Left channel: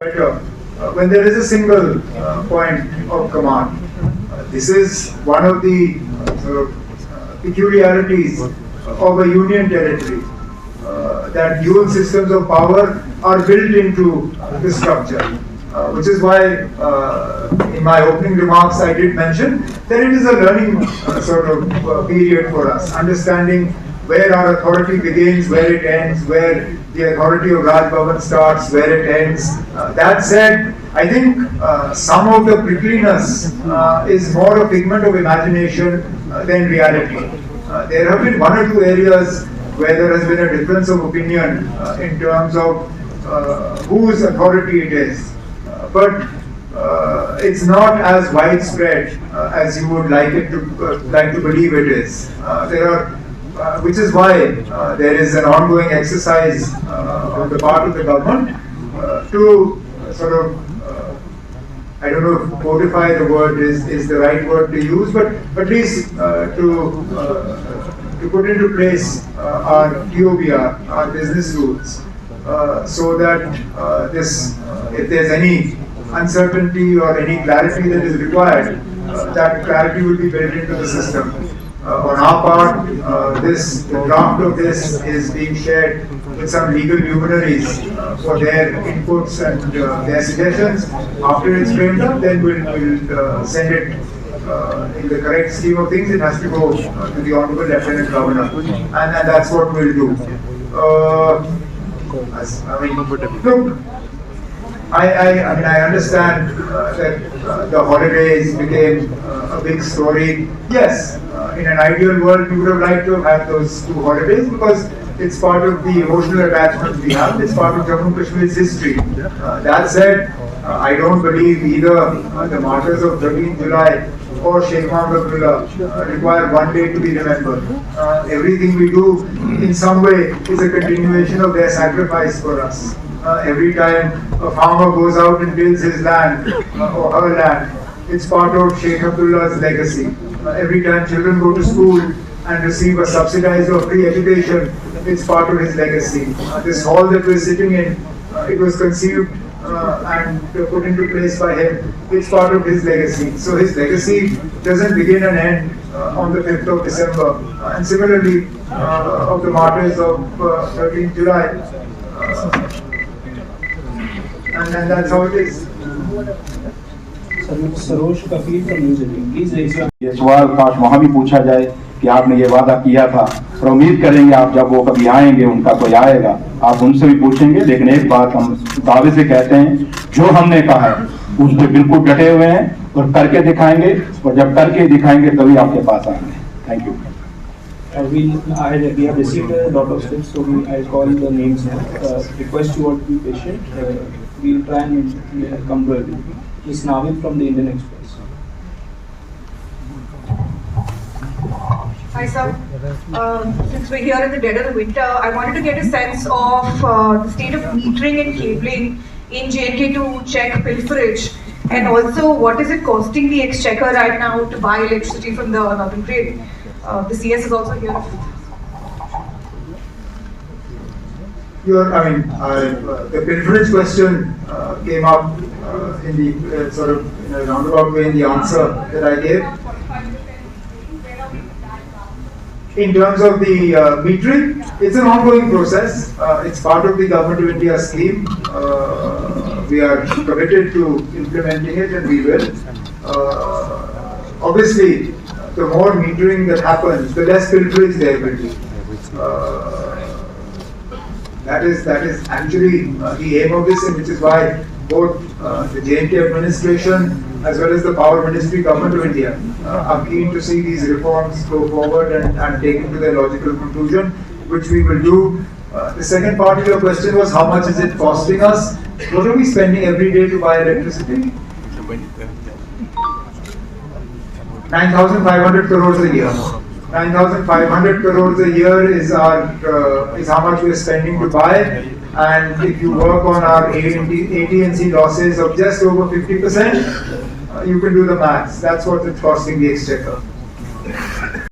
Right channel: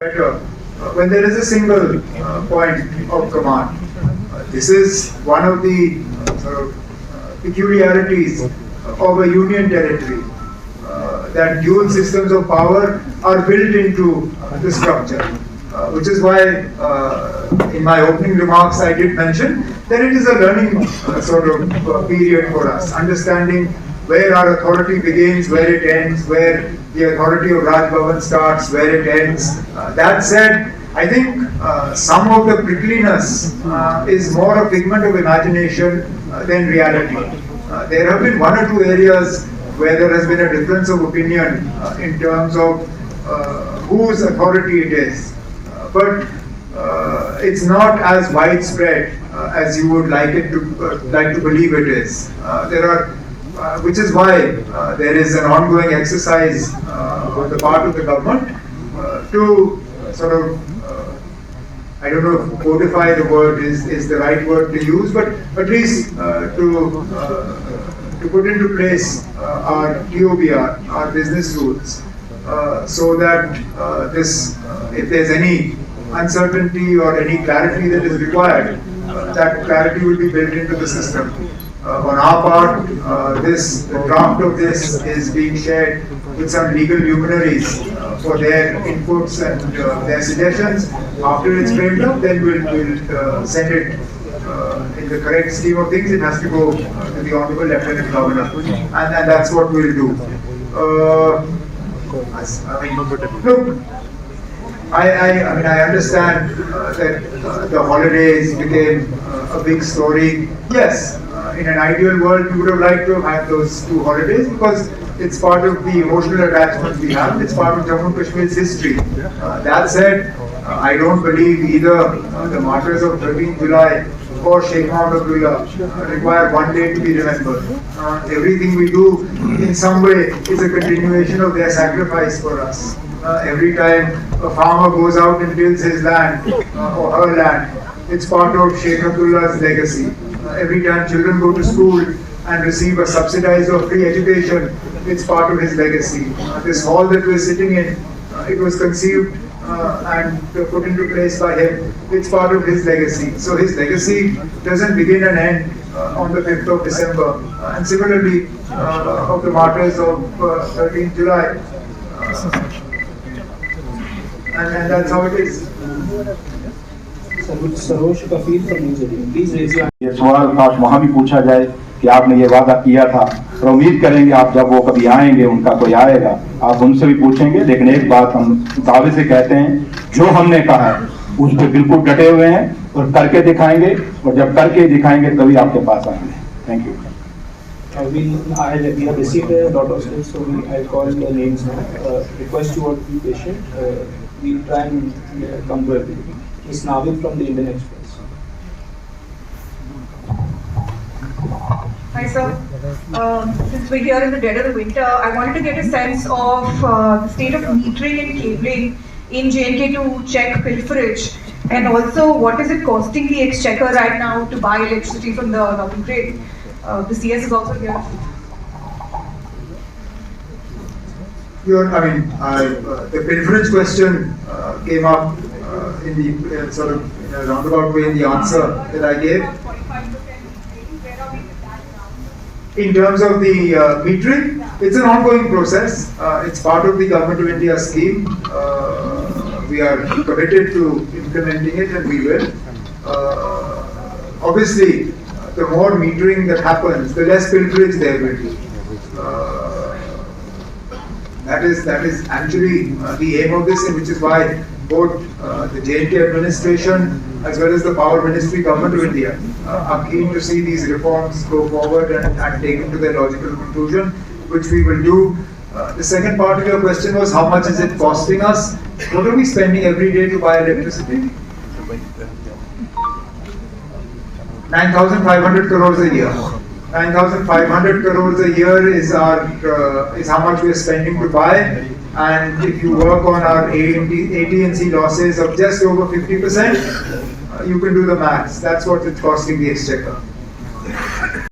better when there is a single point of command. This is one of the peculiarities of a union territory, that dual systems of power are built into the structure, which is why in my opening remarks I did mention that it is a learning period for us, understanding where our authority begins, where it ends, where the authority of Raj Bhavan starts, where it ends. That said, I think some of the prickliness is more a figment of imagination than reality. There have been one or two areas where there has been a difference of opinion in terms of whose authority it is. But it's not as widespread as you would like to believe it is. Which is why there is an ongoing exercise on the part of the government to I don't know if codify the word is the right word to use, but at least to put into place our TOBR, our business rules, so that if there's any uncertainty or any clarity that is required, that clarity will be built into the system. On our part, the draft of this is being shared with some legal luminaries for their inputs and their suggestions. After it's framed up, then we'll send it in the correct scheme of things. It has to go to the Honorable Lieutenant Governor, and that's what we'll do. I understand that the holidays became a big story. Yes. In an ideal world, we would have liked to have had those 2 holidays because it's part of the emotional attachment we have. It's part of Jammu and Kashmir's history. That said, I don't believe either the martyrs of 13th July or Sheikh Omar Abdullah require one day to be remembered. Everything we do in some way is a continuation of their sacrifice for us. Every time a farmer goes out and tills his land or her land, it's part of Sheikh Abdullah's legacy. Every time children go to school and receive a subsidized or free education, it's part of his legacy. This hall that we're sitting in, it was conceived and put into place by him. It's part of his legacy. So his legacy doesn't begin and end on the 5th of December. And similarly, of the martyrs of 13th July. And that's how it is. Saroj Kafeel from News 18 please raise your ये सवाल काश वहाँ भी पूछा जाए कि आपने ये वादा किया था, और उम्मीद करेंगे आप जब वो कभी आएंगे, उनका कोई आएगा, आप उनसे भी पूछेंगे। लेकिन एक बात हम दावे से कहते हैं, जो हमने कहा है उस पर बिल्कुल डटे हुए हैं और करके दिखाएंगे, और जब करके दिखाएंगे तभी आपके पास आएंगे। Thank you. We have received a lot of slips, so I'll call the names now. Request you all to be patient. We'll try and come to everything. Ms. Navid from the Indian Express. Hi sir, since we're here in the dead of the winter, I wanted to get a sense of the state of metering and cabling in J&K to check pilferage, and also what is it costing the exchequer right now to buy electricity from the northern grid. The CS is also here. The pilferage question came up in the in a roundabout way in the answer that I gave. In terms of the metering, it's an ongoing process. It's part of the Government of India scheme. We are committed to implementing it, and we will. Obviously, the more metering that happens, the less pilferage there will be. That is actually the aim of this, and which is why both the J&K administration as well as the Power Ministry, Government of India are keen to see these reforms go forward and take them to their logical conclusion, which we will do. The second part of your question was how much is it costing us? What are we spending every day to buy electricity? 9,500 crores a year. 9,500 crores a year is how much we are spending to buy, and if you work on our AT&C losses of just over 50%, you can do the maths. That's what it's costing the exchequer.